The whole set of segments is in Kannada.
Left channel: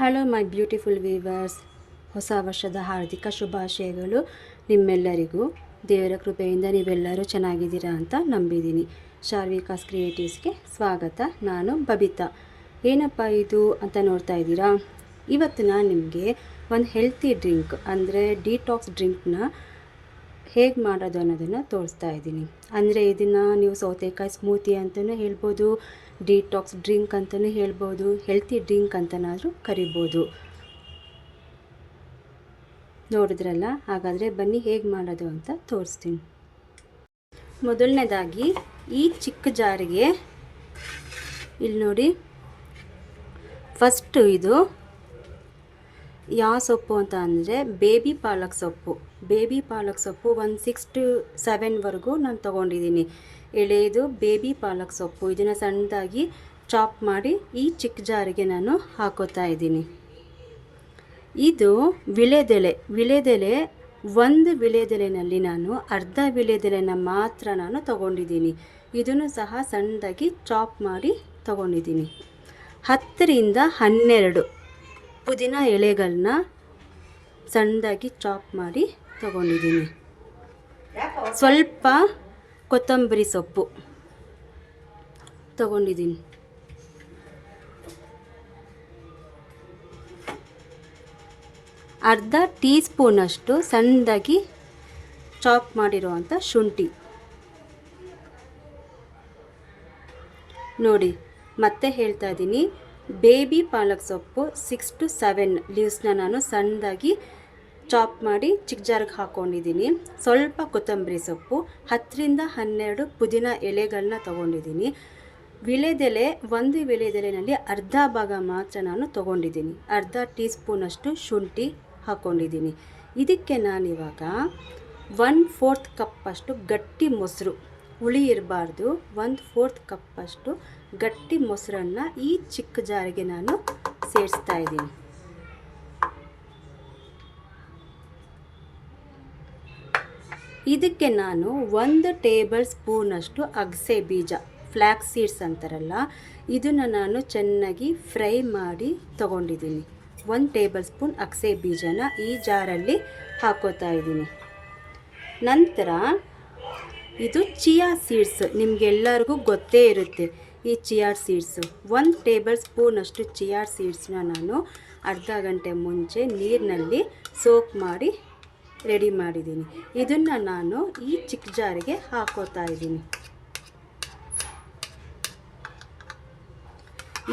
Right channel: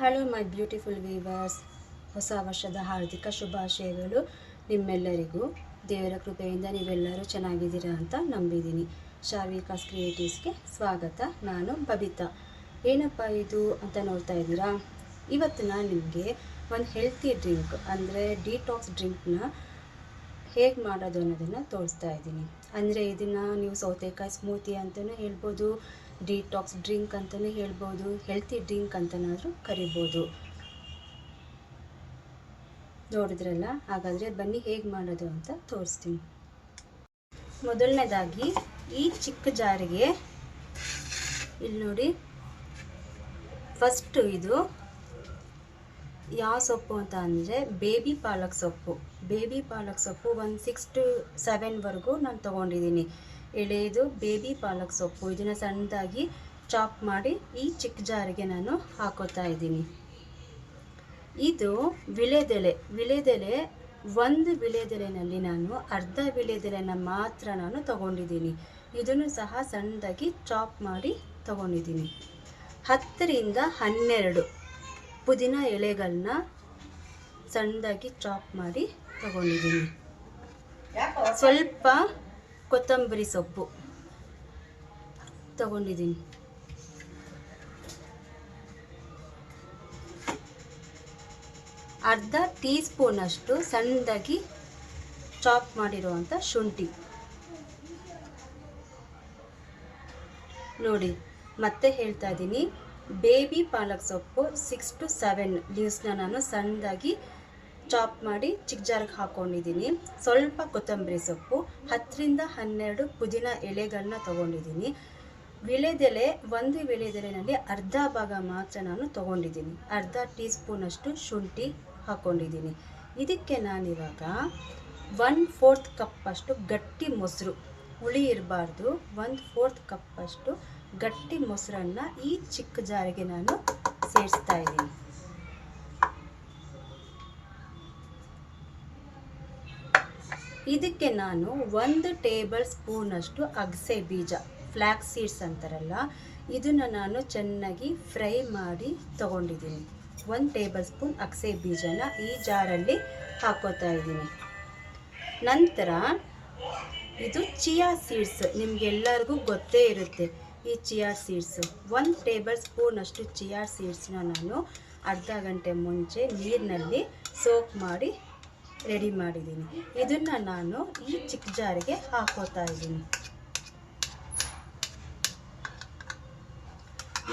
ಹಲೋ ಮೈ ಬ್ಯೂಟಿಫುಲ್ ವೀವರ್ಸ್, ಹೊಸ ವರ್ಷದ ಹಾರ್ದಿಕ ಶುಭಾಶಯಗಳು ನಿಮ್ಮೆಲ್ಲರಿಗೂ. ದೇವರ ಕೃಪೆಯಿಂದ ನೀವೆಲ್ಲರೂ ಚೆನ್ನಾಗಿದ್ದೀರಾ ಅಂತ ನಂಬಿದ್ದೀನಿ. ಶಾರ್ವಿಕಾಸ್ ಕ್ರಿಯೇಟಿವ್ಸ್ಗೆ ಸ್ವಾಗತ. ನಾನು ಬಬಿತಾ. ಏನಪ್ಪ ಇದು ಅಂತ ನೋಡ್ತಾ ಇದ್ದೀರಾ? ಇವತ್ತು ನಾನು ನಿಮಗೆ ಒಂದು ಹೆಲ್ತಿ ಡ್ರಿಂಕ್ ಅಂದರೆ ಡಿಟಾಕ್ಸ್ ಡ್ರಿಂಕ್ನ ಹೇಗೆ ಮಾಡೋದು ಅನ್ನೋದನ್ನು ತೋರಿಸ್ತಾ ಇದ್ದೀನಿ. ಅಂದರೆ ಇದನ್ನು ನೀವು ಸೌತೆಕಾಯಿ ಸ್ಮೂತಿ ಅಂತಲೂ ಹೇಳ್ಬೋದು, ಡಿಟಾಕ್ಸ್ ಡ್ರಿಂಕ್ ಅಂತಲೂ ಹೇಳ್ಬೋದು, ಹೆಲ್ತಿ ಡ್ರಿಂಕ್ ಅಂತನಾದರೂ ಕರಿಬೋದು. ನೋಡಿದ್ರಲ್ಲ, ಹಾಗಾದರೆ ಬನ್ನಿ ಹೇಗೆ ಮಾಡೋದು ಅಂತ ತೋರಿಸ್ತೀನಿ. ಮೊದಲನೇದಾಗಿ ಈ ಚಿಕ್ಕ ಜಾರಿಗೆ ಇಲ್ಲಿ ನೋಡಿ, ಫಸ್ಟು ಇದು ಯಾವ ಸೊಪ್ಪು ಅಂತ ಅಂದರೆ ಬೇಬಿ ಪಾಲಕ್ ಸೊಪ್ಪು. ಬೇಬಿ ಪಾಲಕ್ ಸೊಪ್ಪು ಒಂದು 6 to 7ವರೆಗೂ ನಾನು ತೊಗೊಂಡಿದ್ದೀನಿ. ಎಳೆದು ಬೇಬಿ ಪಾಲಕ್ ಸೊಪ್ಪು, ಇದನ್ನು ಸಣ್ಣದಾಗಿ ಚಾಪ್ ಮಾಡಿ ಈ ಚಿಕ್ಕ ಜಾರಿಗೆ ನಾನು ಹಾಕೋತಾ ಇದ್ದೀನಿ. ಇದು ವಿಳೆದೆಲೆ ಒಂದು ವಿಳೆದೆಲೆನಲ್ಲಿ ನಾನು ಅರ್ಧ ವಿಳೆದೆಲೆನ ಮಾತ್ರ ನಾನು ತೊಗೊಂಡಿದ್ದೀನಿ. ಇದನ್ನು ಸಹ ಸಣ್ಣದಾಗಿ ಚಾಪ್ ಮಾಡಿ ತೊಗೊಂಡಿದ್ದೀನಿ. 10 ರಿಂದ 12 ಪುದೀನ ಎಲೆಗಳನ್ನ ಸಣ್ಣದಾಗಿ ಚಾಪ್ ಮಾಡಿ ತಗೊಂಡಿದ್ದೀನಿ. ಸ್ವಲ್ಪ ಕೊತ್ತಂಬರಿ ಸೊಪ್ಪು ತಗೊಂಡಿದ್ದೀನಿ. ಅರ್ಧ ಟೀ ಸ್ಪೂನಷ್ಟು ಸಣ್ಣದಾಗಿ ಚಾಪ್ ಮಾಡಿರುವಂಥ ಶುಂಠಿ ನೋಡಿ. ಮತ್ತೆ ಹೇಳ್ತಾ ಇದ್ದೀನಿ, ಬೇಬಿ ಪಾಲಕ್ ಸೊಪ್ಪು 6 to 7 ಲೀವ್ಸ್ನ ನಾನು ಸಣ್ಣದಾಗಿ ಚಾಪ್ ಮಾಡಿ ಚಿಕ್ಕ ಜಾರ್ಗೆ ಹಾಕ್ಕೊಂಡಿದ್ದೀನಿ. ಸ್ವಲ್ಪ ಕೊತ್ತಂಬರಿ ಸೊಪ್ಪು, 10 ರಿಂದ 12 ಪುದೀನ ಎಲೆಗಳನ್ನ ತೊಗೊಂಡಿದ್ದೀನಿ. ಒಂದು ವಿಳೆದೆಲೆನಲ್ಲಿ ಅರ್ಧ ಭಾಗ ಮಾತ್ರ ನಾನು ತೊಗೊಂಡಿದ್ದೀನಿ. ಅರ್ಧ ಟೀ ಸ್ಪೂನಷ್ಟು ಶುಂಠಿ ಹಾಕ್ಕೊಂಡಿದ್ದೀನಿ. ಇದಕ್ಕೆ ನಾನಿವಾಗ 1/4 ಕಪ್ಪಷ್ಟು ಗಟ್ಟಿ ಮೊಸರು, ಹುಳಿ ಇರಬಾರ್ದು, 1/4 ಕಪ್ಪಷ್ಟು ಗಟ್ಟಿ ಮೊಸರನ್ನು ಈ ಚಿಕ್ಕ ಜಾರಿಗೆ ನಾನು ಸೇರಿಸ್ತಾ ಇದ್ದೀನಿ. ಇದಕ್ಕೆ ನಾನು 1 ಟೇಬಲ್ ಸ್ಪೂನಷ್ಟು ಅಗಸೆ ಬೀಜ, ಫ್ಲ್ಯಾಕ್ಸ್ ಸೀಡ್ಸ್ ಅಂತಾರಲ್ಲ, ಇದನ್ನು ನಾನು ಚೆನ್ನಾಗಿ ಫ್ರೈ ಮಾಡಿ ತಗೊಂಡಿದ್ದೀನಿ. 1 ಟೇಬಲ್ ಸ್ಪೂನ್ ಅಗಸೆ ಬೀಜನ ಈ ಜಾರಲ್ಲಿ ಹಾಕೋತಾ ಇದ್ದೀನಿ. ನಂತರ ಇದು ಚಿಯಾ ಸೀಡ್ಸ್, ನಿಮಗೆಲ್ಲರಿಗೂ ಗೊತ್ತೇ ಇರುತ್ತೆ ಈ ಚಿಯಾ ಸೀಡ್ಸು. 1 ಟೇಬಲ್ ಸ್ಪೂನಷ್ಟು ಚಿಯಾ ಸೀಡ್ಸ್ನ ನಾನು ಅರ್ಧ ಗಂಟೆ ಮುಂಚೆ ನೀರಿನಲ್ಲಿ ಸೋಕ್ ಮಾಡಿ ರೆಡಿ ಮಾಡಿದ್ದೀನಿ. ಇದನ್ನು ನಾನು ಈ ಚಿಕ್ಕ ಜಾರಿಗೆ ಹಾಕೋತಾ ಇದ್ದೀನಿ.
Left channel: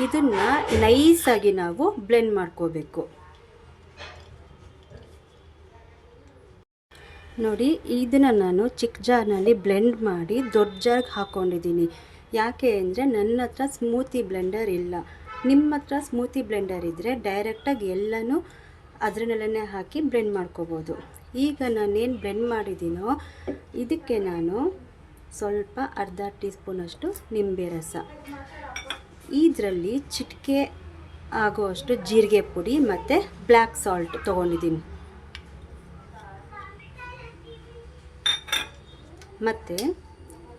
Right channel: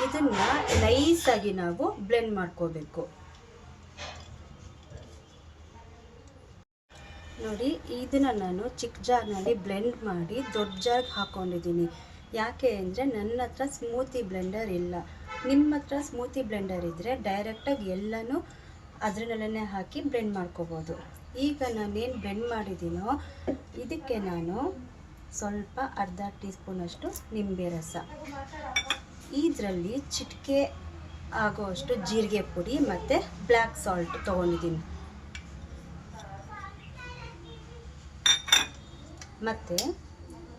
ಇದನ್ನು ನೈಸಾಗಿ ನಾವು ಬ್ಲೆಂಡ್ ಮಾಡ್ಕೋಬೇಕು. ನೋಡಿ, ಇದನ್ನು ನಾನು ಚಿಕ್ಕ ಜಾರ್ನಲ್ಲಿ ಬ್ಲೆಂಡ್ ಮಾಡಿ ದೊಡ್ಡ ಜಾರ್ಗೆ ಹಾಕ್ಕೊಂಡಿದ್ದೀನಿ. ಯಾಕೆ ಅಂದರೆ ನನ್ನ ಹತ್ರ ಸ್ಮೂತಿ ಬ್ಲೆಂಡರ್ ಇಲ್ಲ. ನಿಮ್ಮ ಹತ್ರ ಸ್ಮೂತಿ ಬ್ಲೆಂಡರ್ ಇದ್ದರೆ ಡೈರೆಕ್ಟಾಗಿ ಎಲ್ಲನೂ ಅದರಲ್ಲೇ ಹಾಕಿ ಬ್ಲೆಂಡ್ ಮಾಡ್ಕೋಬೋದು. ಈಗ ನಾನೇನು ಬ್ಲೆಂಡ್ ಮಾಡಿದ್ದೀನೋ ಇದಕ್ಕೆ ನಾನು ಸ್ವಲ್ಪ ಅರ್ಧ ಟೀ ಸ್ಪೂನಷ್ಟು ನಿಂಬೆ ರಸ, ಇದರಲ್ಲಿ ಚಿಟಿಕೆ ಆಗೋಷ್ಟು ಜೀರಿಗೆ ಪುಡಿ ಮತ್ತು ಬ್ಲ್ಯಾಕ್ ಸಾಲ್ಟ್ ತೊಗೊಂಡಿದ್ದೀನಿ. ಮತ್ತು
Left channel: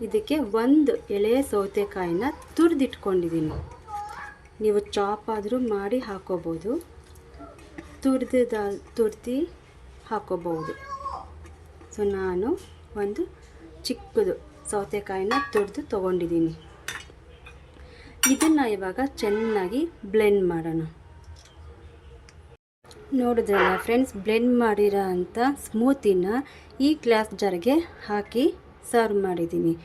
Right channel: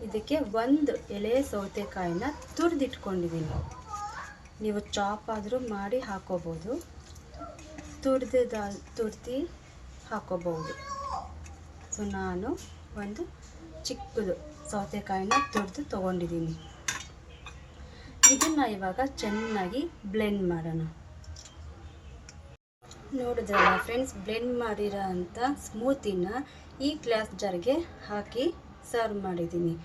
ಇದಕ್ಕೆ 1 ಎಳೆ ಸೌತೆಕಾಯಿನ ತುರಿದಿಟ್ಕೊಂಡಿದ್ದೀನಿ. ನೀವು ಚಾಪ್ ಆದರೂ ಮಾಡಿ ಹಾಕೋಬೋದು, ತುರಿದು ಹಾಕೋಬಹುದು. ಸೊ ನಾನು ಒಂದು ಚಿಕ್ಕದು ಸೌತೆಕಾಯಿನ ತುರಿದು ತೊಗೊಂಡಿದ್ದೀನಿ. ಇದನ್ನು ಇವಾಗ ಚೆನ್ನಾಗಿ ಬ್ಲೆಂಡ್ ಮಾಡೋಣ. ನೋಡಿದ್ರಲ್ಲ ಫ್ರೆಂಡ್ಸ್, ಬ್ಲೆಂಡ್ ಮಾಡಿರೋ ಅಂಥ ಸ್ಮೂತಿನ ಈ ಗ್ಲಾಸ್ ಜಾರ್ಗೆ ಹಾಕಿ ಸರ್ವ್ ಮಾಡಿದ್ದೀನಿ.